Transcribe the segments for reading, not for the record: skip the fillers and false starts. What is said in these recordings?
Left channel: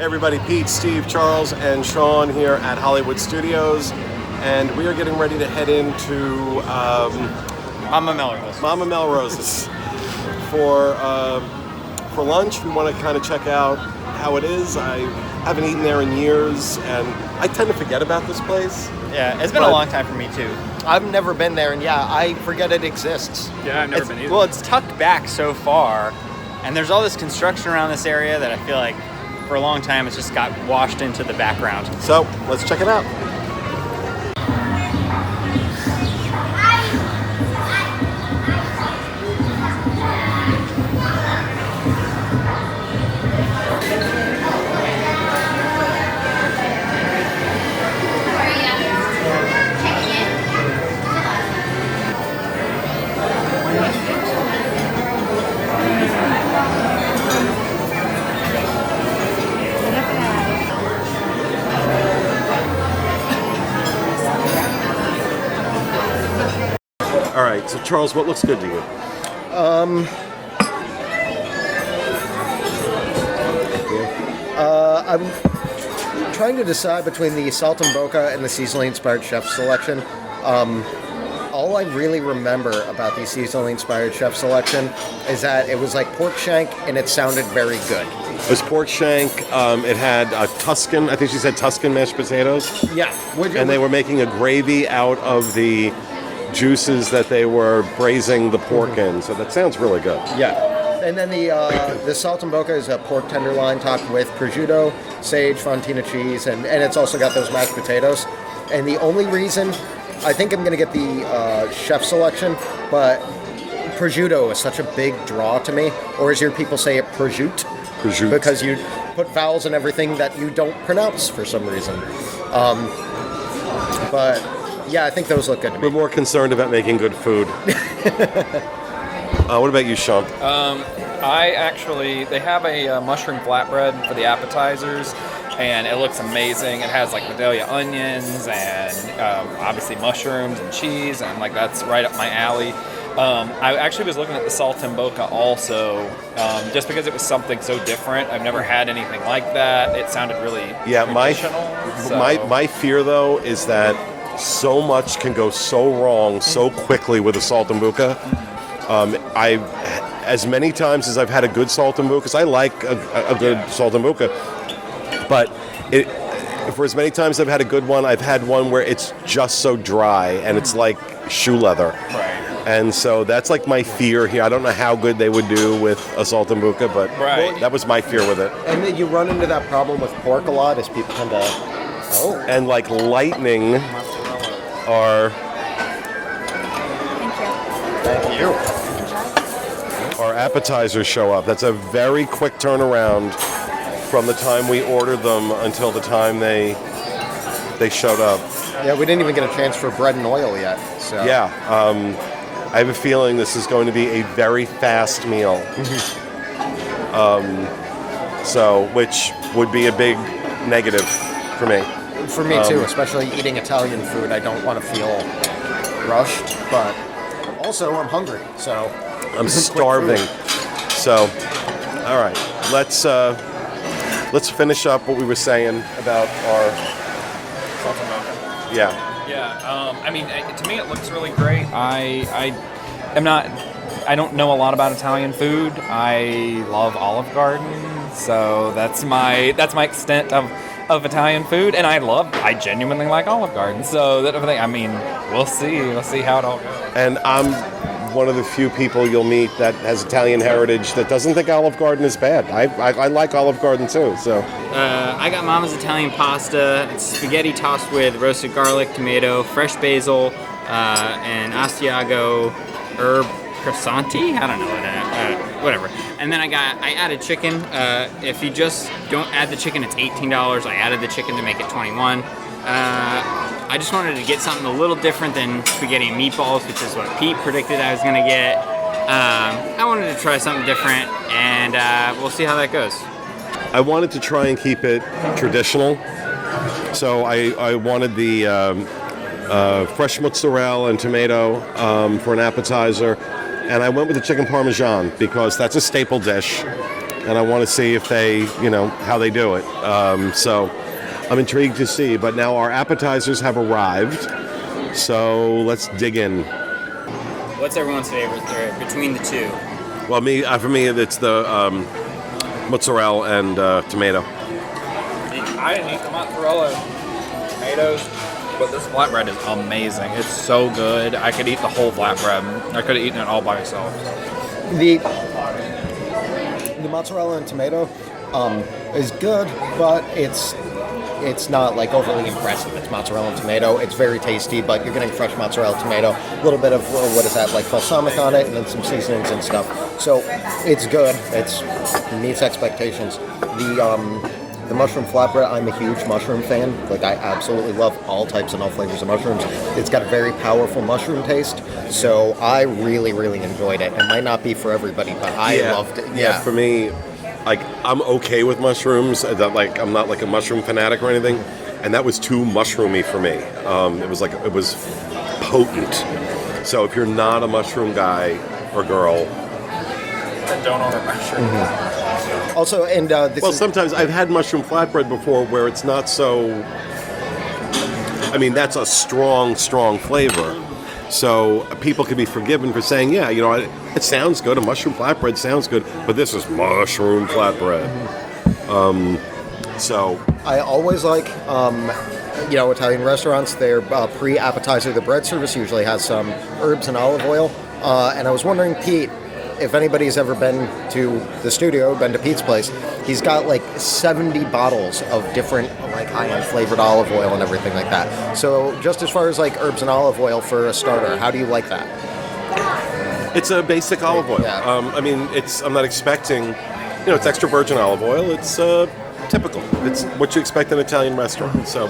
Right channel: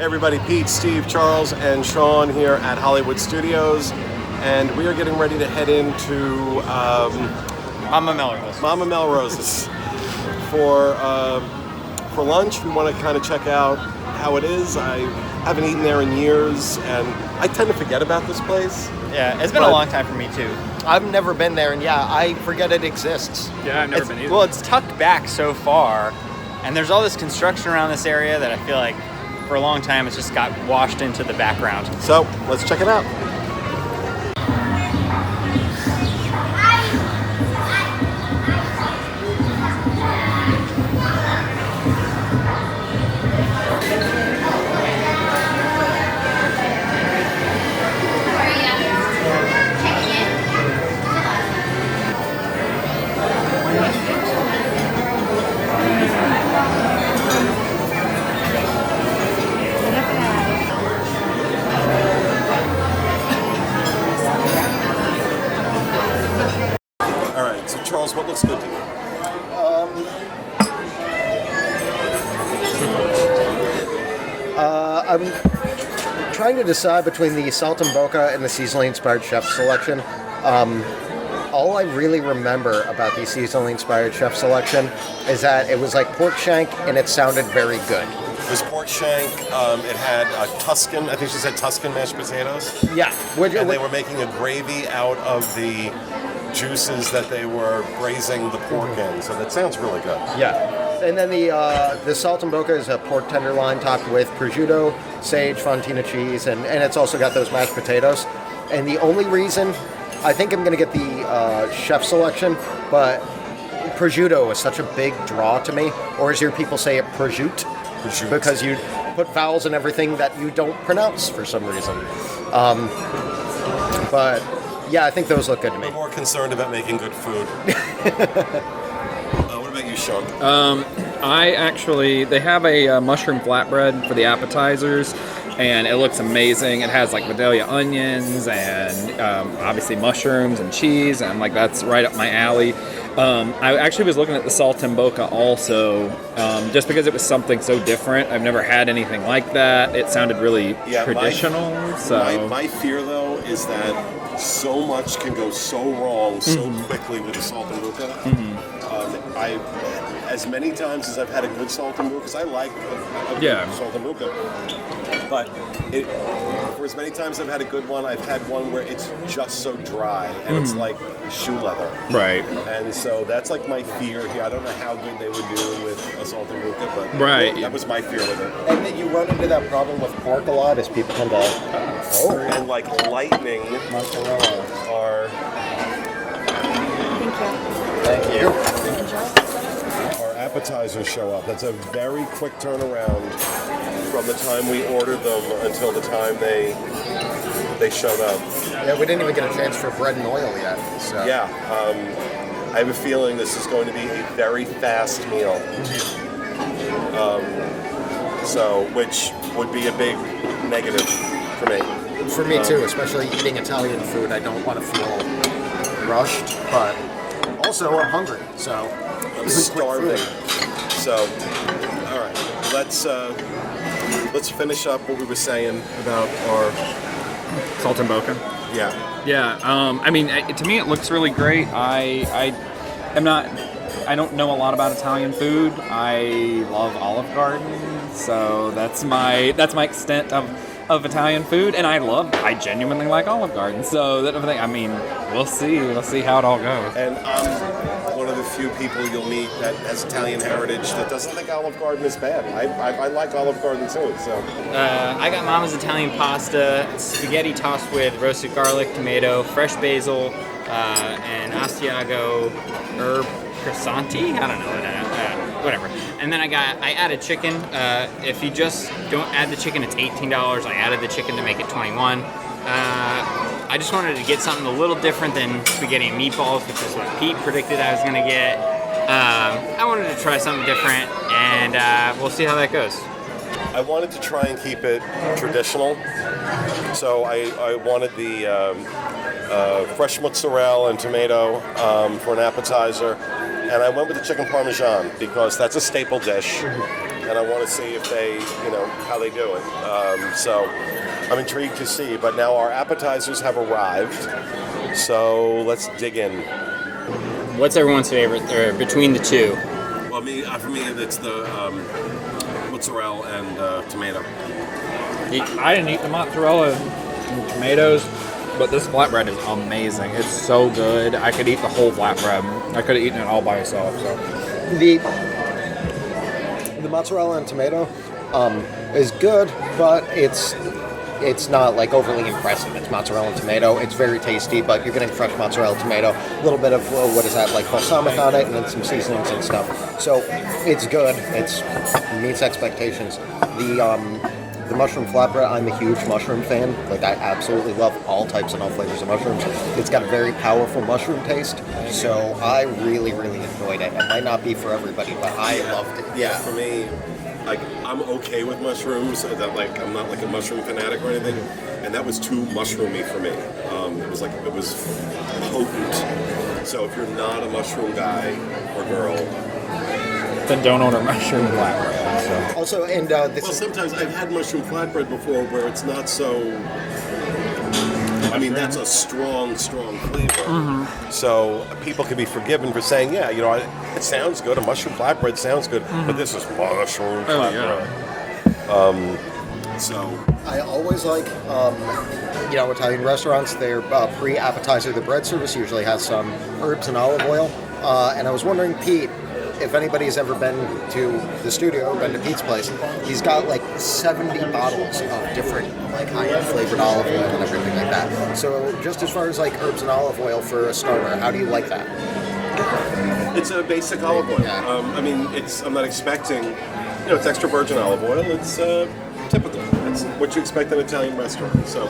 Hey everybody, Pete, Steve, Charles, and Sean here at Hollywood Studios, and we are getting ready to head into Mama Melrose. Mama Melrose's for lunch. We want to kind of check out how it is. I haven't eaten there in years, and I tend to forget about this place. Yeah, it's been a long time for me too. I've never been there, and I forget it exists. Yeah, I've never been either. Well, it's tucked back so far, and there's all this construction around this area that I feel like for a long time it's just got washed into the background. So let's check it out. All right, so Charles, what looks good to you? I'm trying to decide between the Saltimbocca and the seasonally inspired chef selection. All I really remember about the seasonally inspired chef selection is that it was like pork shank and it sounded very good. It was pork shank. It had Tuscan, I think she said Tuscan mashed potatoes. Yeah. And they were making a gravy out of the juices that they were braising the pork in. So that sounds really good. Yeah. And then the Saltimbocca is a pork tenderloin topped with prosciutto, sage, fontina cheese, and it's also got those mashed potatoes. And the only reason I think I'm going to get the chef selection, but prosciutto is such a big draw to me, or as your people say it, prosciutto. Prosciutto. Because you put vowels in everything that you don't pronounce for some reason. But yeah, I think those look good to me. We're more concerned about making good food. What about you, Sean? They have a mushroom flatbread for the appetizers, and it looks amazing. It has like Vidalia onions and obviously mushrooms and cheese, and like that's right up my alley. I actually was looking at the Saltimbocca also, just because it was something so different. I've never had anything like that. It sounded really traditional. My fear, though, is that so much can go so wrong so quickly with a Saltimbocca. As many times as I've had a good Saltimbocca, because I like a good Saltimbocca, but for as many times I've had a good one, I've had one where it's just so dry and it's like shoe leather. Right. And so that's like my fear here. I don't know how good they would do with a Saltimbocca, but that was my fear with it. And then you run into that problem with pork a lot as people tend to... And like lightning are... Thank you. Our appetizers show up. That's a very quick turnaround from the time we ordered them until the time they showed up. Yeah, we didn't even get a chance for bread and oil yet. So yeah, I have a feeling this is going to be a very fast meal. So, which would be a big negative for me. For me too, especially eating Italian food. I don't want to feel rushed, but also I'm hungry, so I'm starving. So, all right, let's finish up what we were saying about our Saltimbocca. Yeah. I mean, to me it looks really great. I don't know a lot about Italian food. I love Olive Garden, so that's my extent of Italian food, and I genuinely like Olive Garden. So I mean, we'll see how it all goes. And I'm one of the few people you'll meet that has Italian heritage that doesn't think Olive Garden is bad. I like Olive Garden too. So I got Mama's Italian pasta. It's spaghetti tossed with roasted garlic, tomato, fresh basil, and Asiago herb croissanti. I don't know whatever. And then I added chicken. If you just don't add the chicken, it's $18. I added the chicken to make it $21. I just wanted to get something a little different than spaghetti and meatballs, which is what Pete predicted I was going to get. I wanted to try something different, and we'll see how that goes. I wanted to try and keep it traditional, so I wanted the fresh mozzarella and tomato for an appetizer, and I went with the chicken parmesan because that's a staple dish. and I want to see if they, how they do it. So I'm intrigued to see. But now our appetizers have arrived, so let's dig in. What's everyone's favorite between the two? Well, for me, it's the mozzarella and tomato. I didn't eat the mozzarella and tomatoes, but this flatbread is amazing. It's so good. I could eat the whole flatbread. I could have eaten it all by itself. The mozzarella and tomato is good, but it's not like overly impressive. It's mozzarella and tomato. It's very tasty, but you're getting fresh mozzarella tomato, a little bit of like balsamic on it, and then some seasonings and stuff. So it's good. It meets expectations. The mushroom flatbread, I'm a huge mushroom fan. Like, I absolutely love all types and all flavors of mushrooms. It's got a very powerful mushroom taste, so I really, really enjoyed it. It might not be for everybody, but I loved it. Yeah. For me, like, I'm okay with mushrooms. I'm not like a mushroom fanatic or anything, and that was too mushroomy for me. It was potent. So if you're not a mushroom guy or girl, Then don't order mushroom flatbread. Also, and sometimes I've had mushroom flatbread before where it's not so. I mean, that's a strong flavor. Mm-hmm. So people can be forgiven for saying, it sounds good. A mushroom flatbread sounds good, but this is mushroom flatbread. So I always like, Italian restaurants. Their pre-appetizer, the bread service usually has some herbs and olive oil. And I was wondering, Pete, if anybody's ever been to the studio, been to Pete's place, he's got like 70 bottles of different like high-end flavored olive oil and everything like that. So just as far as like herbs and olive oil for a starter, how do you like that? It's a basic olive oil. Yeah. I'm not expecting, it's extra virgin olive oil. It's typical. It's what you expect in an Italian restaurant. So,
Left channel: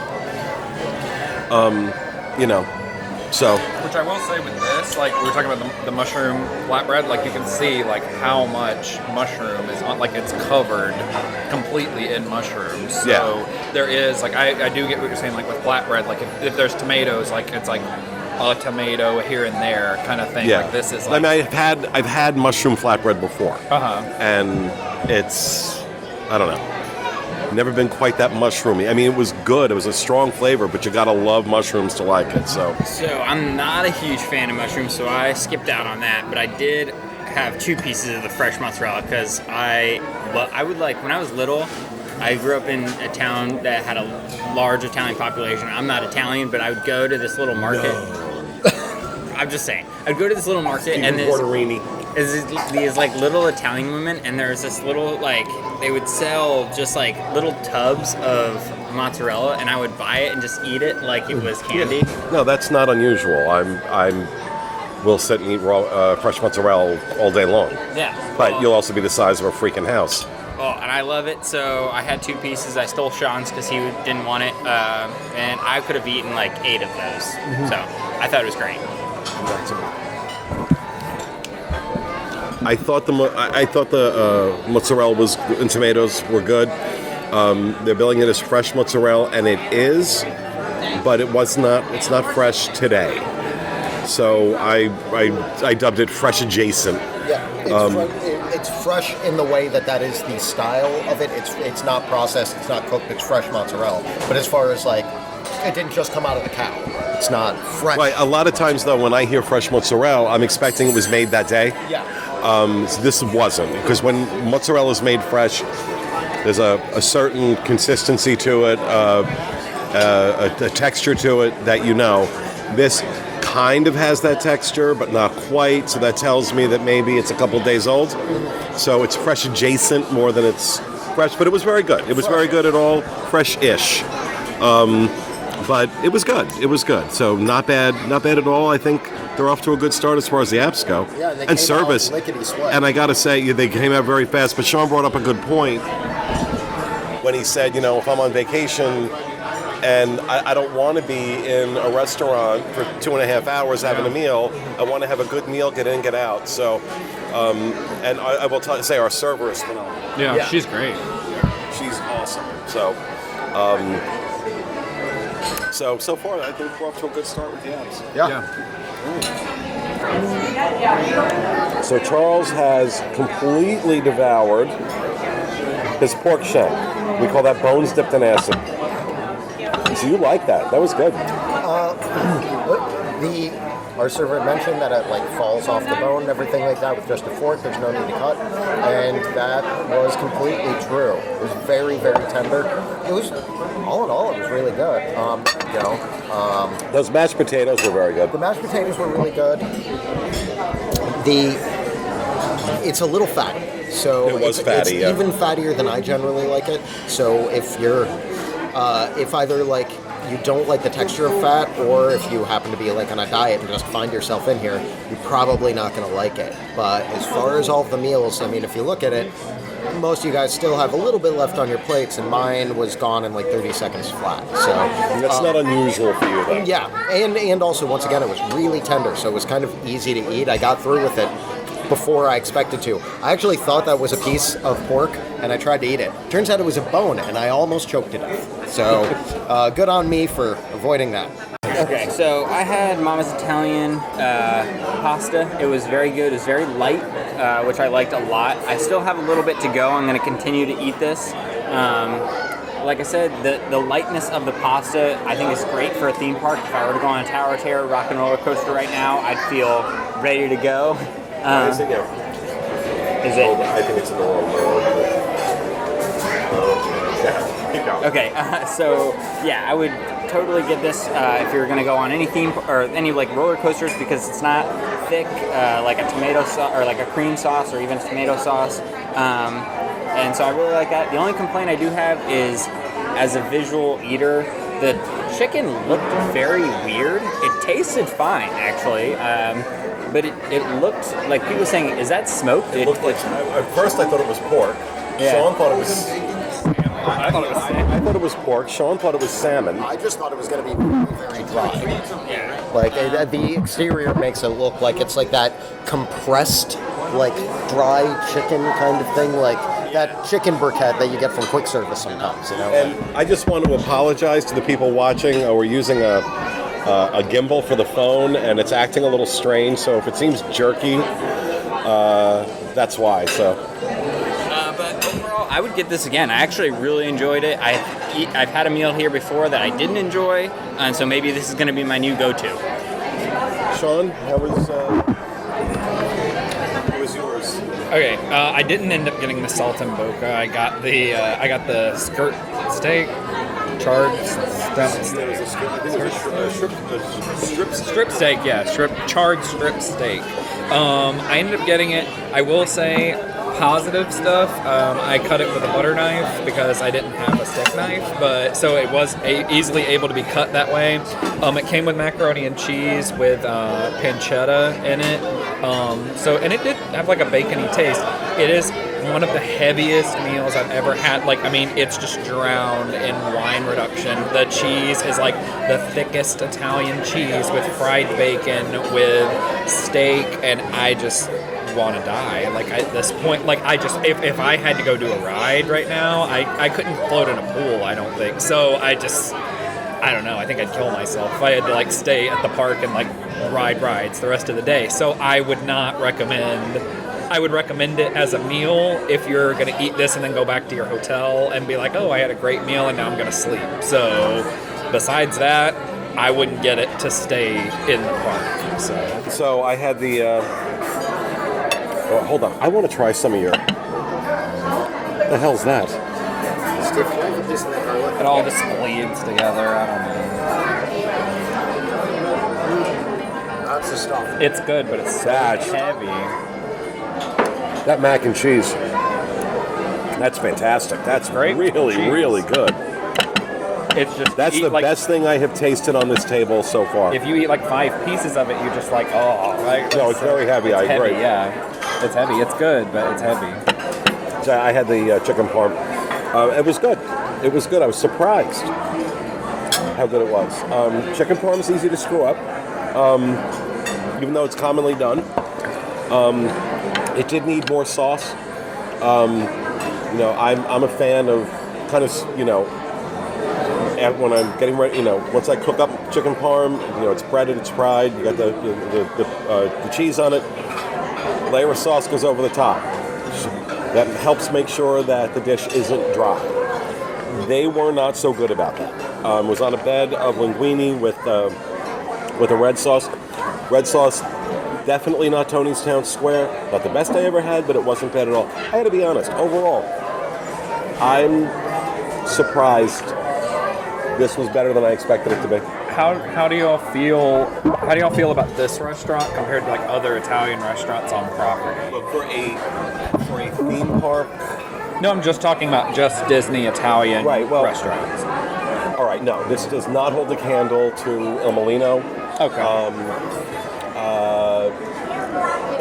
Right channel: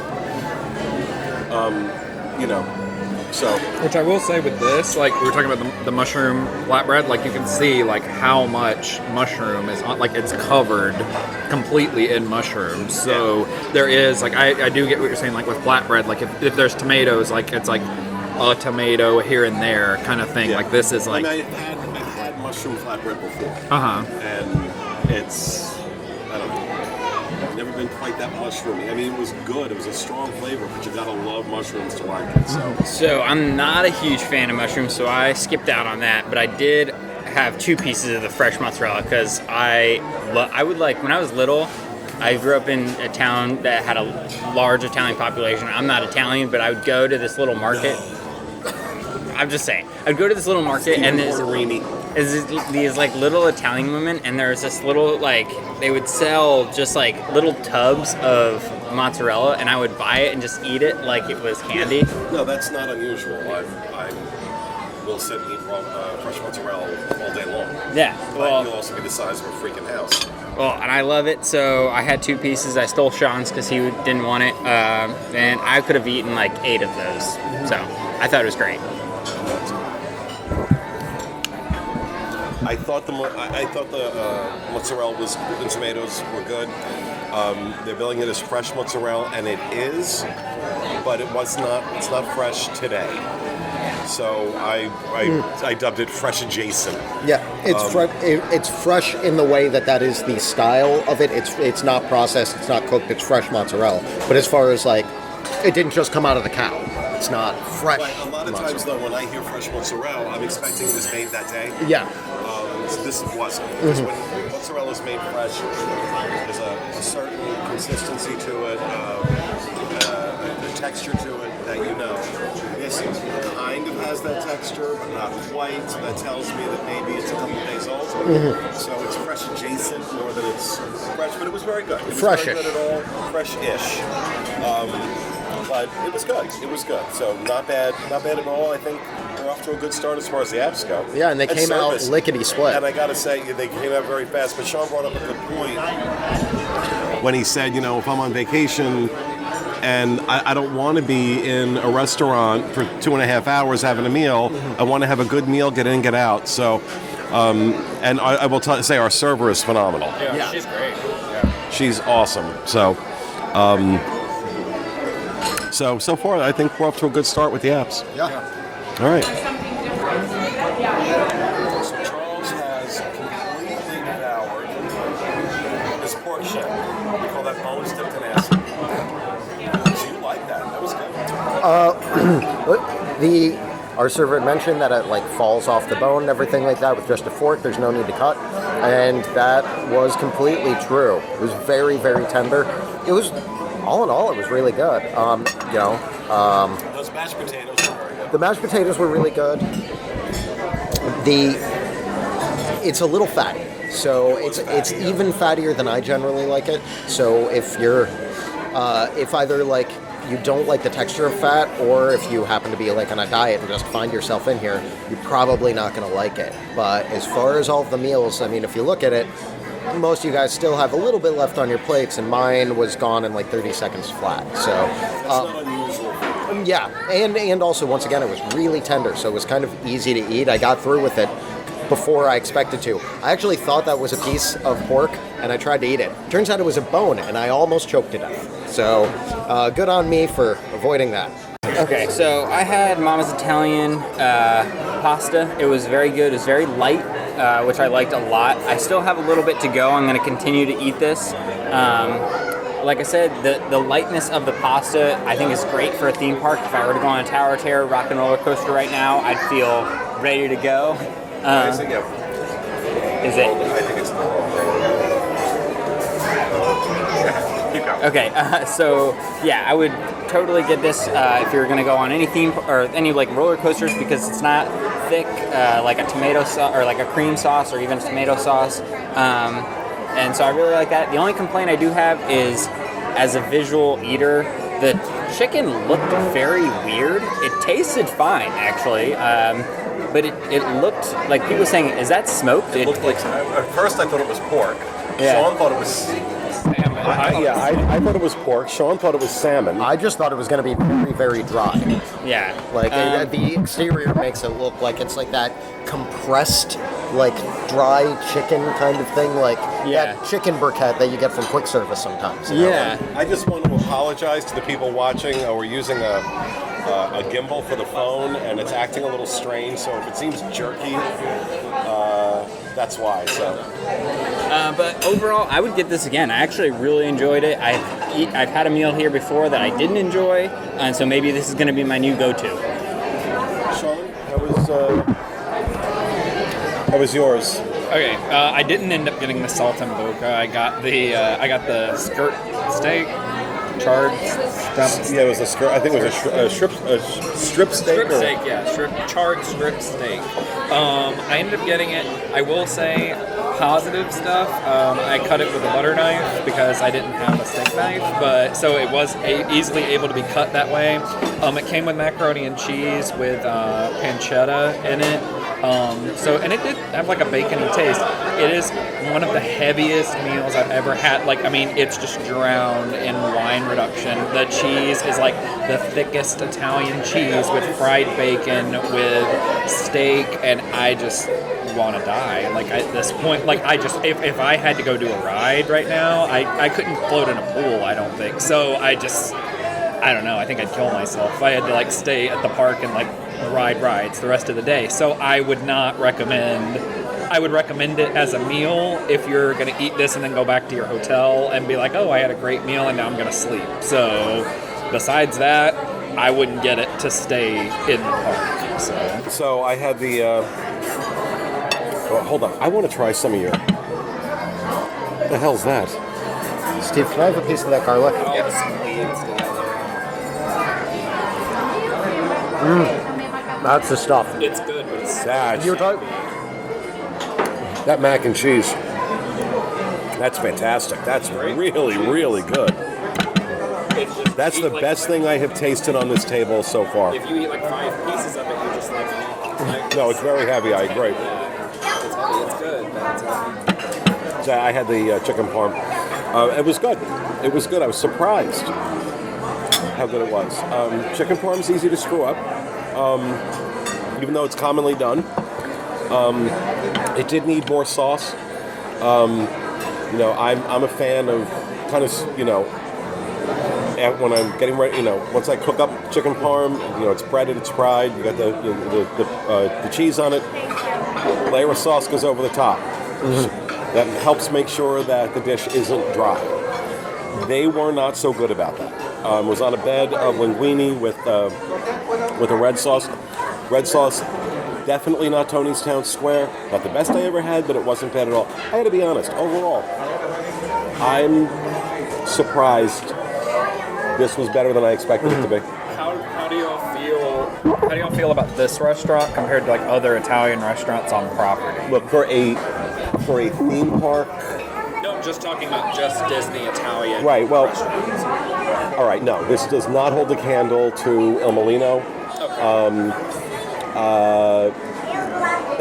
Which I will say with this, like we were talking about the mushroom flatbread, like you can see like how much mushroom is on, like it's covered completely in mushrooms. So there is like I do get what you're saying, like with flatbread, like if there's tomatoes, like it's like a tomato here and there kind of thing. Yeah. Like this is like I've had mushroom flatbread before. And it's I don't know. Never been quite that mushroomy. I mean, it was good. It was a strong flavor, but you gotta love mushrooms to like it. So I'm not a huge fan of mushrooms, so I skipped out on that. But I did have 2 pieces of the fresh mozzarella because I would like when I was little. I grew up in a town that had a large Italian population. I'm not Italian, but I would go to this little market. I'm just saying. I'd go to this little market and there's these like little Italian women, and there's this little like they would sell just like little tubs of mozzarella, and I would buy it and just eat it like it was candy. No, that's not unusual. We'll sit and eat raw, fresh mozzarella all day long. Yeah, but you'll also be the size of a freaking house. Well, and I love it. So I had 2 pieces. I stole Sean's because he didn't want it, and I could have eaten like 8 of those. Mm-hmm. So I thought it was great. I thought the mozzarella and tomatoes were good. They're billing it as fresh mozzarella, and it is, but it's not fresh today. So I dubbed it fresh adjacent. Yeah, it's fresh in the way that is the style of it. It's not processed, it's not cooked, it's fresh mozzarella. But as far as like, it didn't just come out of the cow. It's not fresh. Right. A lot of times though, when I hear fresh mozzarella, I'm expecting it was made that day. Yeah. So this wasn't, because when mozzarella is made fresh, there's a certain consistency to it, a texture to it that This kind of has that texture, but not quite. So that tells me that maybe it's a couple days old. Mm-hmm. So it's fresh adjacent more than it's fresh, but it was very good. It was very good at all, fresh-ish. But it was good. It was good. So not bad at all. I think they're off to a good start as far as the apps go. Yeah, and they came service, out lickety-split. And I got to say, they came out very fast. But Sean brought up a good point when he said, if I'm on vacation and I don't want to be in a restaurant for 2.5 hours having a meal, I want to have a good meal, get in, get out. So, and I will say our server is phenomenal. Yeah. She's great. Yeah. She's awesome. So, so far, I think we're off to a good start with the apps. Yeah. All right. So Charles has completely devoured his pork shank. We call that bones dipped in acid. So you like that? That was good. Our server had mentioned that it like falls off the bone and everything like that with just a fork. There's no need to cut, and that was completely true. It was very, very tender. It was, all in all, it was really good. Those mashed potatoes were very good. The mashed potatoes were really good. It's a little fatty, so it's yeah. even fattier than I generally like it. So if you're, if either like you don't like the texture of fat, or if you happen to be like on a diet and just find yourself in here, you're probably not going to like it. But as far as all of the meals, I mean, if you look at it, most of you guys still have a little bit left on your plates, and mine was gone in like 30 seconds flat. So that's not unusual for you. yeah, and also once again, it was really tender, so it was kind of easy to eat. I got through with it before I expected to. I actually thought that was a piece of pork, and I tried to eat it. Turns out it was a bone, and I almost choked to death. So good on me for avoiding that. Okay, so I had Mama's Italian pasta. It was very good. It was very light, which I liked a lot. I still have a little bit to go. I'm going to continue to eat this. Like I said, the lightness of the pasta I think is great for a theme park. If I were to go on a Tower of Terror rock and roller coaster right now, I'd feel ready to go. Where is it? Yeah. Is it? I think it's the wrong Keep going. Okay, so yeah, I would totally get this if you're gonna go on any theme or any like roller coasters, because it's not thick like a tomato sauce or like a cream sauce or even tomato sauce, and so I really like that. The only complaint I do have is, as a visual eater, the chicken looked very weird. It tasted fine actually. But it looked like people were saying, is that smoked? It looked like, at first I thought it was pork. Yeah. Sean thought it was... I thought it was pork. Sean thought it was salmon. I just thought it was going to be very, very dry. Yeah. Like the exterior makes it look like it's like that compressed, like dry chicken kind of thing, like that chicken briquette that you get from quick service sometimes. You know? Yeah. I just want to apologize to the people watching. We're using a gimbal for the phone, and it's acting a little strange, so if it seems jerky, that's why. So, but overall, I would get this again. I actually really enjoyed it. I've had a meal here before that I didn't enjoy, and so maybe this is going to be my new go-to. Sean, how was yours? Okay, I didn't end up getting the saltimbocca. I got the skirt steak, charred That was a skirt. I think it was a strip steak. Strip steak, yeah, charred strip steak. I ended up getting it. I will say positive stuff. I cut it with a butter knife because I didn't have a steak knife, but so it was easily able to be cut that way. It came with macaroni and cheese with pancetta in it. And it did have like a bacony taste. It is one of the heaviest meals I've ever had. Like, I mean, it's just drowned in wine reduction. The cheese is like the thickest Italian cheese with fried bacon, with steak, and I just want to die. Like, at this point, like, if I had to go do a ride right now, I couldn't float in a pool, I don't think. So I don't know, I think I'd kill myself if I had to like stay at the park and like ride rides the rest of the day. So I would not recommend. I would recommend it as a meal if you're going to eat this and then go back to your hotel and be like, oh, I had a great meal and now I'm going to sleep. So besides that, I wouldn't get it to stay in the park. So I had the... hold on. I want to try some of your... the hell's that? Steve, can I have a piece of that garlic? All the seeds together. That's the stuff. It's good, but it's That's... That mac and cheese. That's fantastic. That's really, really good. That's the best thing I have tasted on this table so far. If you eat like 5 pieces of it, you're just like, oh. Like, No, it's very heavy. I agree. Yeah, it's heavy. It's good, but it's heavy. So I had the chicken parm. It was good. It was good. I was surprised how good it was. Chicken parm is easy to screw up, even though it's commonly done. It did need more sauce. I'm a fan of kind of, when I'm getting ready, once I cook up chicken parm, it's breaded, it's fried, you got the cheese on it. layer of sauce goes over the top. That helps make sure that the dish isn't dry. They were not so good about that. Was on a bed of linguine with a red sauce. Red sauce, definitely not Tony's Town Square. Not the best I ever had, but it wasn't bad at all. I had to be honest. Overall, I'm surprised this was better than I expected it to be. How do y'all feel? How do y'all feel about this restaurant compared to like other Italian restaurants on property? Look, for a theme park. No, I'm just talking about just Disney Italian restaurants. All right, no, this does not hold a candle to Il Molino. Okay.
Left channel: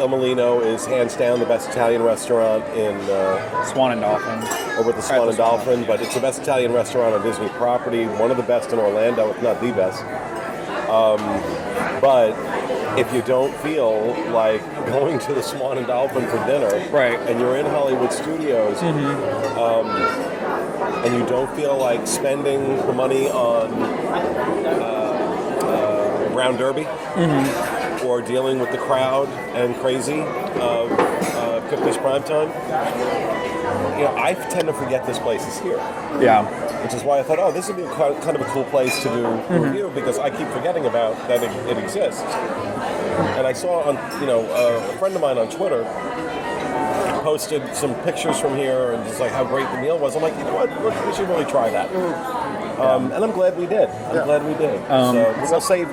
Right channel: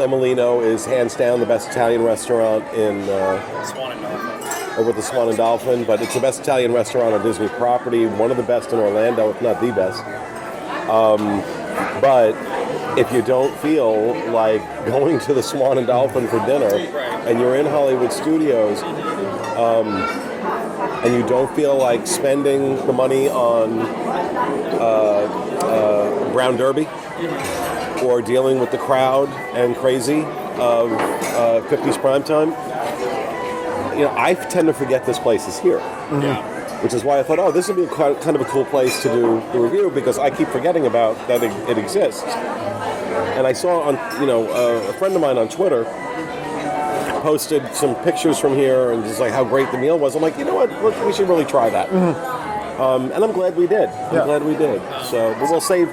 Il Molino is hands down the best Italian restaurant in Swan and Dolphin. over at the Swan and Dolphin, but it's the best Italian restaurant on Disney property, one of the best in Orlando, if not the best. But if you don't feel like going to the Swan and Dolphin for dinner, and you're in Hollywood Studios, and you don't feel like spending the money on Brown Derby, or dealing with the crowd and crazy of 50s primetime, I tend to forget this place is here. Yeah. Which is why I thought, this would be kind of a cool place to do the review, because I keep forgetting about that it exists. And I saw on, a friend of mine on Twitter posted some pictures from here and just like how great the meal was. I'm like, you know what, we should really try that. And I'm glad we did. So we'll save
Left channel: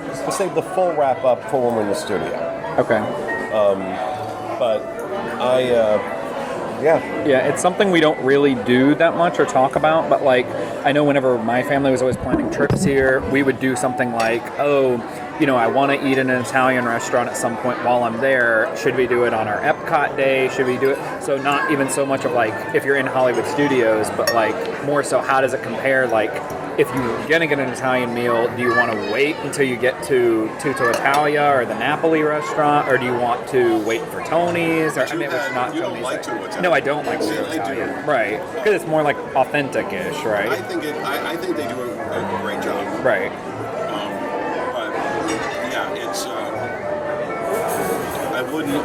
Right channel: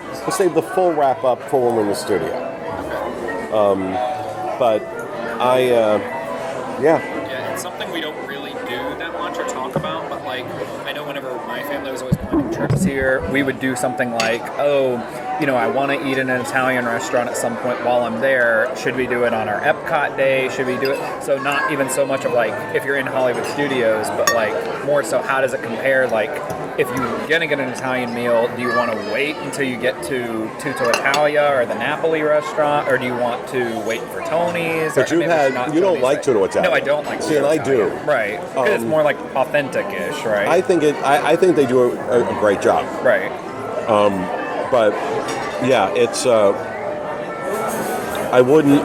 the full wrap up for when we're in the studio. Okay. But yeah, it's something we don't really do that much or talk about, but like I know whenever my family was always planning trips here, we would do something like, I want to eat in an Italian restaurant at some point while I'm there. Should we do it on our Epcot day? Should we do it? So not even so much of like if you're in Hollywood Studios, but like more so how does it compare? Like if you're going to get an Italian meal, do you want to wait until you get to Tutto Italia or the Napoli restaurant, or do you want to wait for Tony's? But you don't like Tutto Italia. No, I don't like Tutto Italia. I do. Right, because it's more like authentic-ish, right? I think they do a great job. Right. But yeah, it's I wouldn't.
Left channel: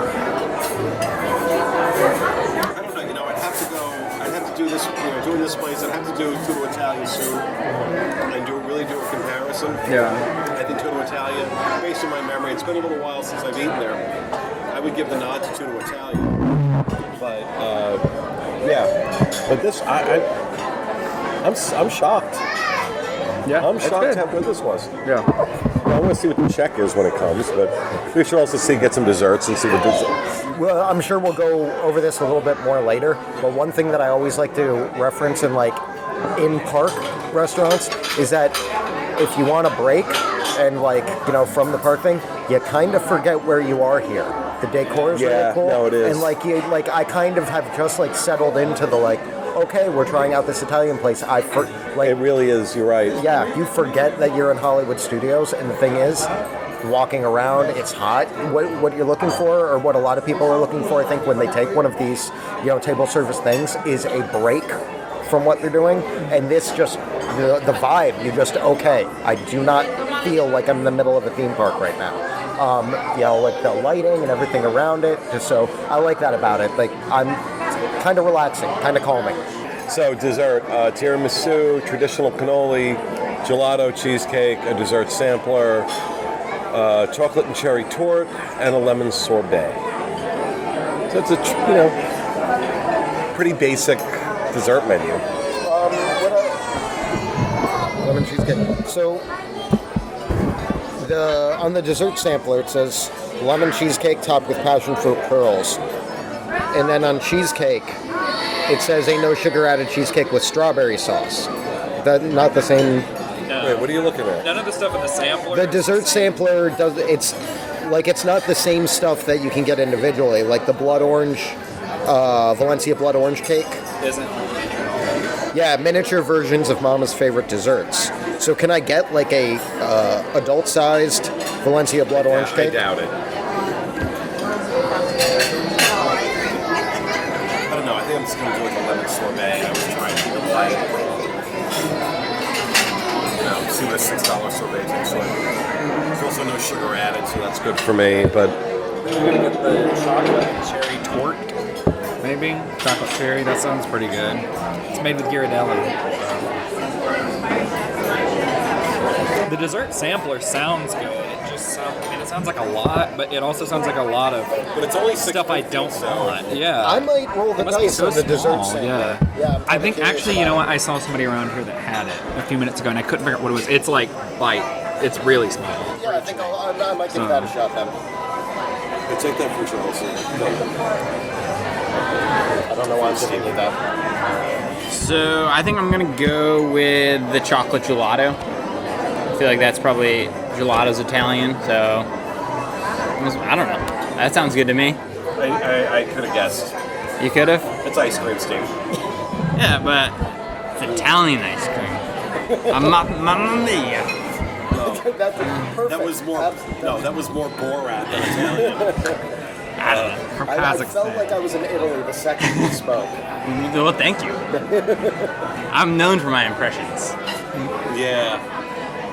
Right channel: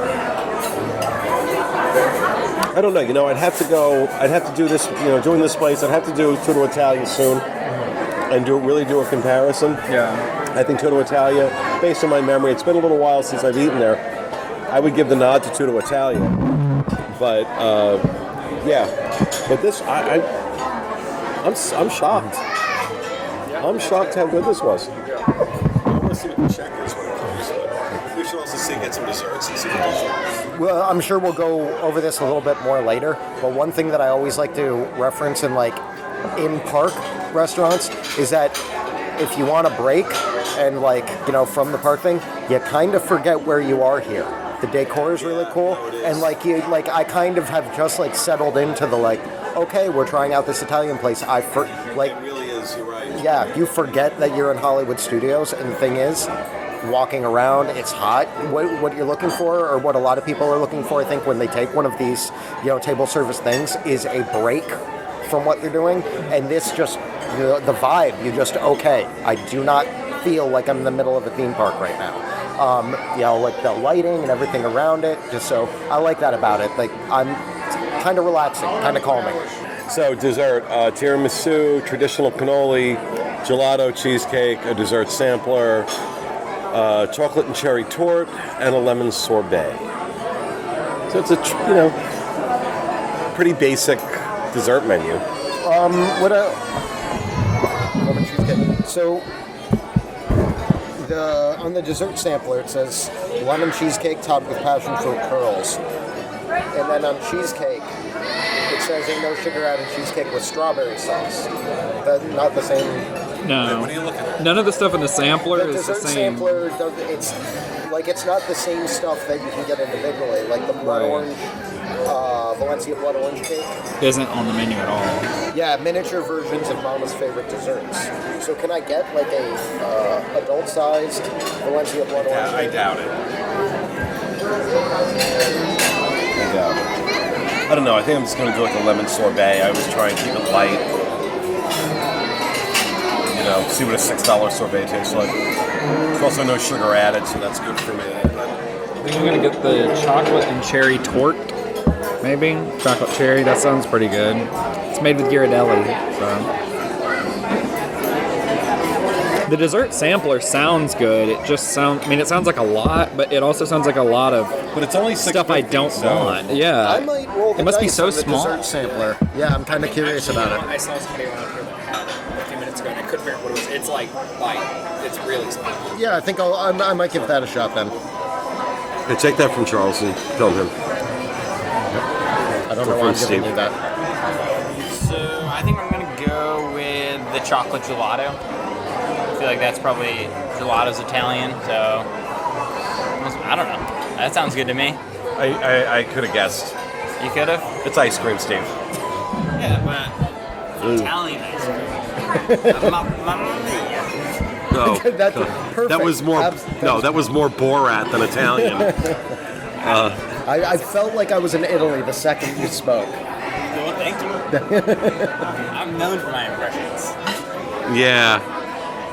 I don't know. I'd have to go. I'd have to do this. Doing this place, I'd have to do Tutto Italia soon, and really do a comparison. Yeah. I think Tutto Italia, based on my memory, it's been a little while since I've eaten there. I would give the nod to Tutto Italia, but But this, I'm shocked. Yeah. I'm shocked how good this was. Yeah. I want to see what the check is when it comes, but we should also get some desserts and see what this is. Well, I'm sure we'll go over this a little bit more later, but one thing that I always like to reference in in-park restaurants is that if you want a break and from the park thing, you kind of forget where you are here. The decor is really cool. No, it is. And I kind of have just settled into the okay, we're trying out this Italian place. It really is, you're right. Yeah, you forget that you're in Hollywood Studios, and the thing is, walking around, it's hot. What you're looking for, or what a lot of people are looking for, I think, when they take one of these, table service things, is a break from what they're doing. And this just, the vibe, you just, okay, I do not feel like I'm in the middle of a theme park right now. The lighting and everything around it, just so, I like that about it. I'm kind of relaxing, kind of calming. So dessert, tiramisu, traditional cannoli, gelato cheesecake, a dessert sampler, chocolate and cherry torte, and a lemon sorbet. So it's a pretty basic dessert menu. Lemon cheesecake. So on the dessert sampler it says lemon cheesecake topped with passion fruit pearls, and then on cheesecake it says a no sugar added cheesecake with strawberry sauce. That not the same. No. Wait, what are you looking at? None of the stuff in the sampler. The dessert sampler does. It's not the same stuff that you can get individually. Like the blood orange, Valencia blood orange cake isn't on the menu at all. Yeah, miniature versions of Mama's favorite desserts. So can I get a adult-sized Valencia blood orange cake? I doubt it. I don't know. I think I'm just going to do a lemon sorbet. I was trying to keep it light. See what a $6 sorbet tastes like. There's also no sugar added, so that's good for me. But We can get the chocolate and cherry torte, maybe chocolate cherry. That sounds pretty good. It's made with Ghirardelli, so. The dessert sampler sounds good. It just sounds. I mean, it sounds like a lot, but it also sounds like a lot of. But it's only stuff I don't want. Yeah. I might roll the It must be dice so on the small. dessert sampler. Yeah, I'm I kind of think curious actually, about you know what? it. I saw somebody around here that had it a few minutes ago, and I couldn't figure out what it was. It's like it's really small. Yeah, I think I might give that a shot then. Hey, take that from Charles and tell him. I don't know why I'm giving you that. So I think I'm gonna go with the chocolate gelato. I feel like that's probably gelato's Italian, so I don't know. That sounds good to me. I could have guessed. You could have? It's ice cream, Steve. Yeah, but it's Italian ice cream. Mamma mia. No, That's perfect. that was more. No, that was more Borat than Italian. I felt like I was in Italy the second you spoke. Well, thank you. I'm known for my impressions. Yeah.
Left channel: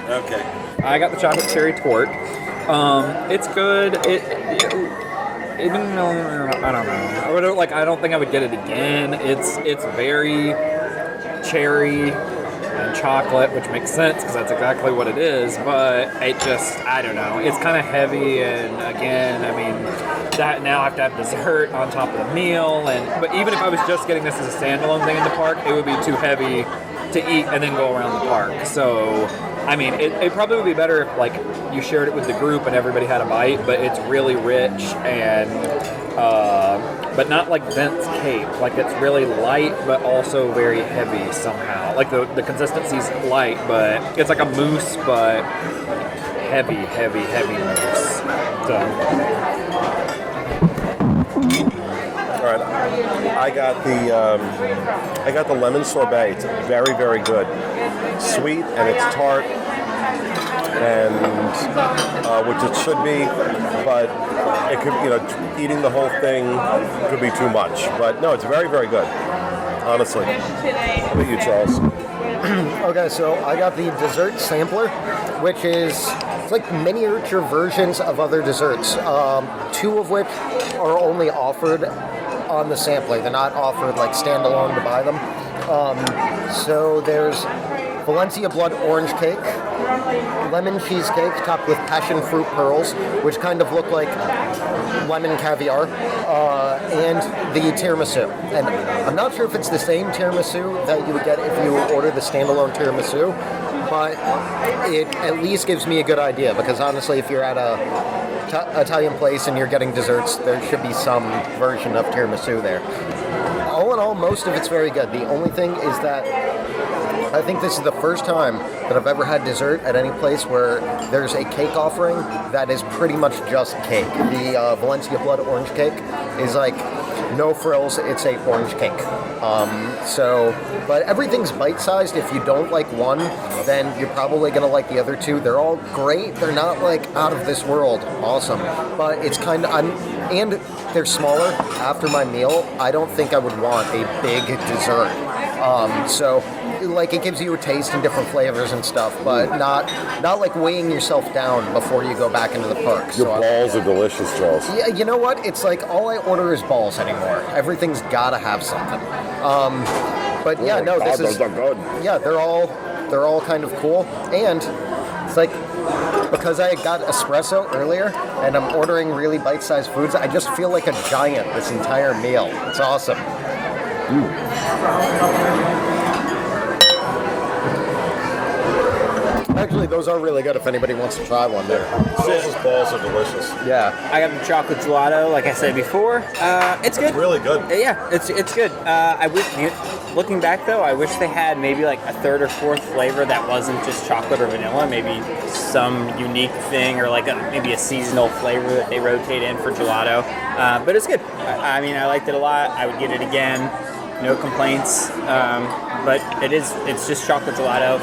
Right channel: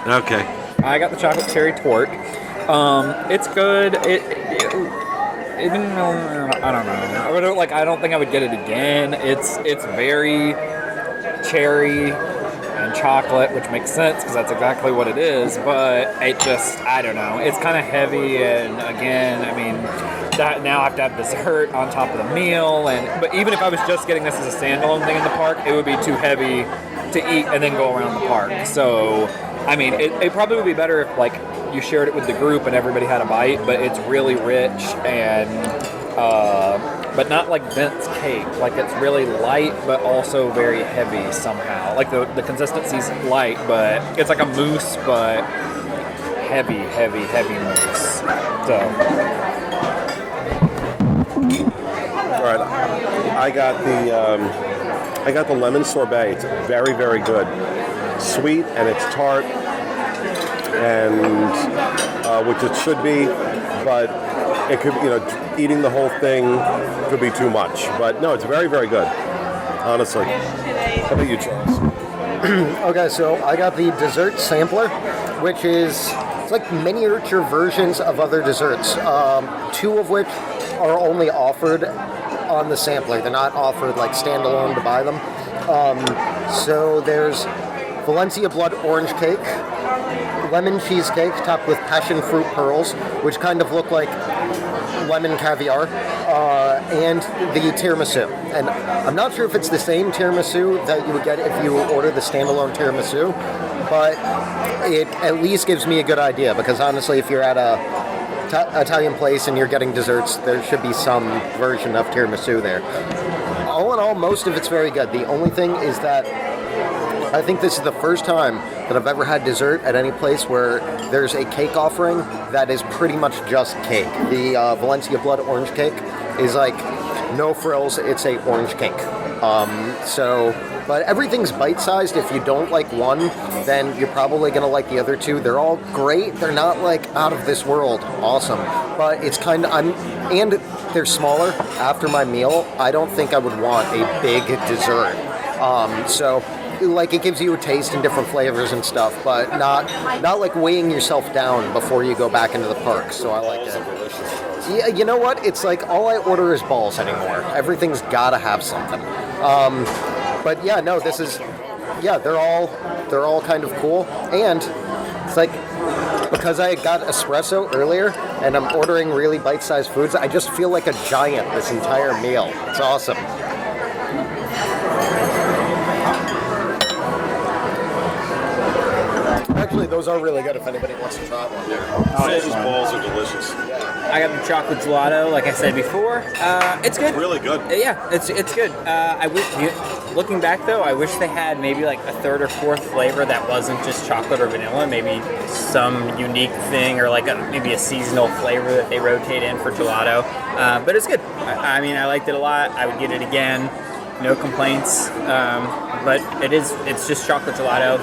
Okay. I got the chocolate cherry torte. It's good. Even though I don't know. I don't think I would get it again. It's very cherry and chocolate, which makes sense because that's exactly what it is. But I don't know. It's kind of heavy, and again, I mean, that now I have to have dessert on top of the meal. But even if I was just getting this as a standalone thing in the park, it would be too heavy to eat and then go around the park. So, I mean, it probably would be better if like you shared it with the group and everybody had a bite. But it's really rich and. But not like dense cake. Like it's really light, but also very heavy somehow. Like the consistency's light, but it's like a mousse, but heavy mousse. So. All right. I got the lemon sorbet. It's very, very good. Sweet and it's tart, and which it should be, but. It could, eating the whole thing could be too much. But no, it's very, very good, honestly. How about you, Charles? Okay, so I got the dessert sampler, which is it's like miniature versions of other desserts. Two of which are only offered on the sampler. They're not offered like standalone to buy them. So there's Valencia blood orange cake, lemon cheesecake topped with passion fruit pearls, which kind of look like lemon caviar, and the tiramisu. And I'm not sure if it's the same tiramisu that you would get if you order the standalone tiramisu, but it at least gives me a good idea, because honestly, if you're at a Italian place and you're getting desserts, there should be some version of tiramisu there. All in all, most of it's very good. The only thing is that I think this is the first time that I've ever had dessert at any place where there's a cake offering that is pretty much just cake. The Valencia blood orange cake is like no frills, it's a orange cake. But everything's bite-sized. If you don't like one, then you're probably gonna like the other two. They're all great. They're not like out of this world awesome, but it's kind of, and they're smaller. After my meal, I don't think I would want a big dessert. Like it gives you a taste and different flavors and stuff, but not like weighing yourself down before you go back into the park. So Balls are delicious, Charles. yeah, you know what? It's like all I order is balls anymore. Everything's gotta have something. But yeah, no, this is yeah, they're all kind of cool, and it's like because I got espresso earlier and I'm ordering really bite-sized foods, I just feel like a giant this entire meal. It's awesome. Actually, those are really good if anybody wants to try one. Sushi's balls are delicious. Yeah. I got the chocolate gelato, like I said before. It's good. Really good. Yeah, it's good. I wish, looking back though, I wish they had maybe like a third or fourth flavor that wasn't just chocolate or vanilla. Maybe some unique thing, or like maybe a seasonal flavor that they rotate in for gelato. But it's good. I mean, I liked it a lot. I would get it again. No complaints. But it's just chocolate gelato.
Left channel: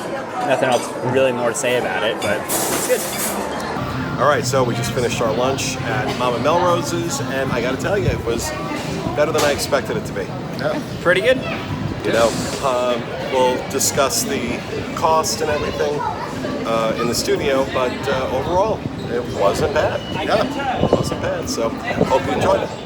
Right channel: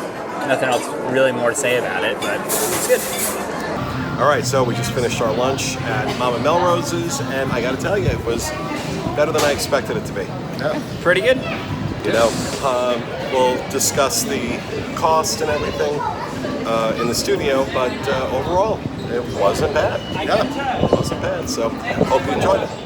Nothing else really more to say about it, but it's good. All right, so we just finished our lunch at Mama Melrose's, and I got to tell you, it was better than I expected it to be. Yeah. Pretty good. We'll discuss the cost and everything in the studio, but overall, it wasn't bad. Yeah. It wasn't bad. So hope you enjoyed it.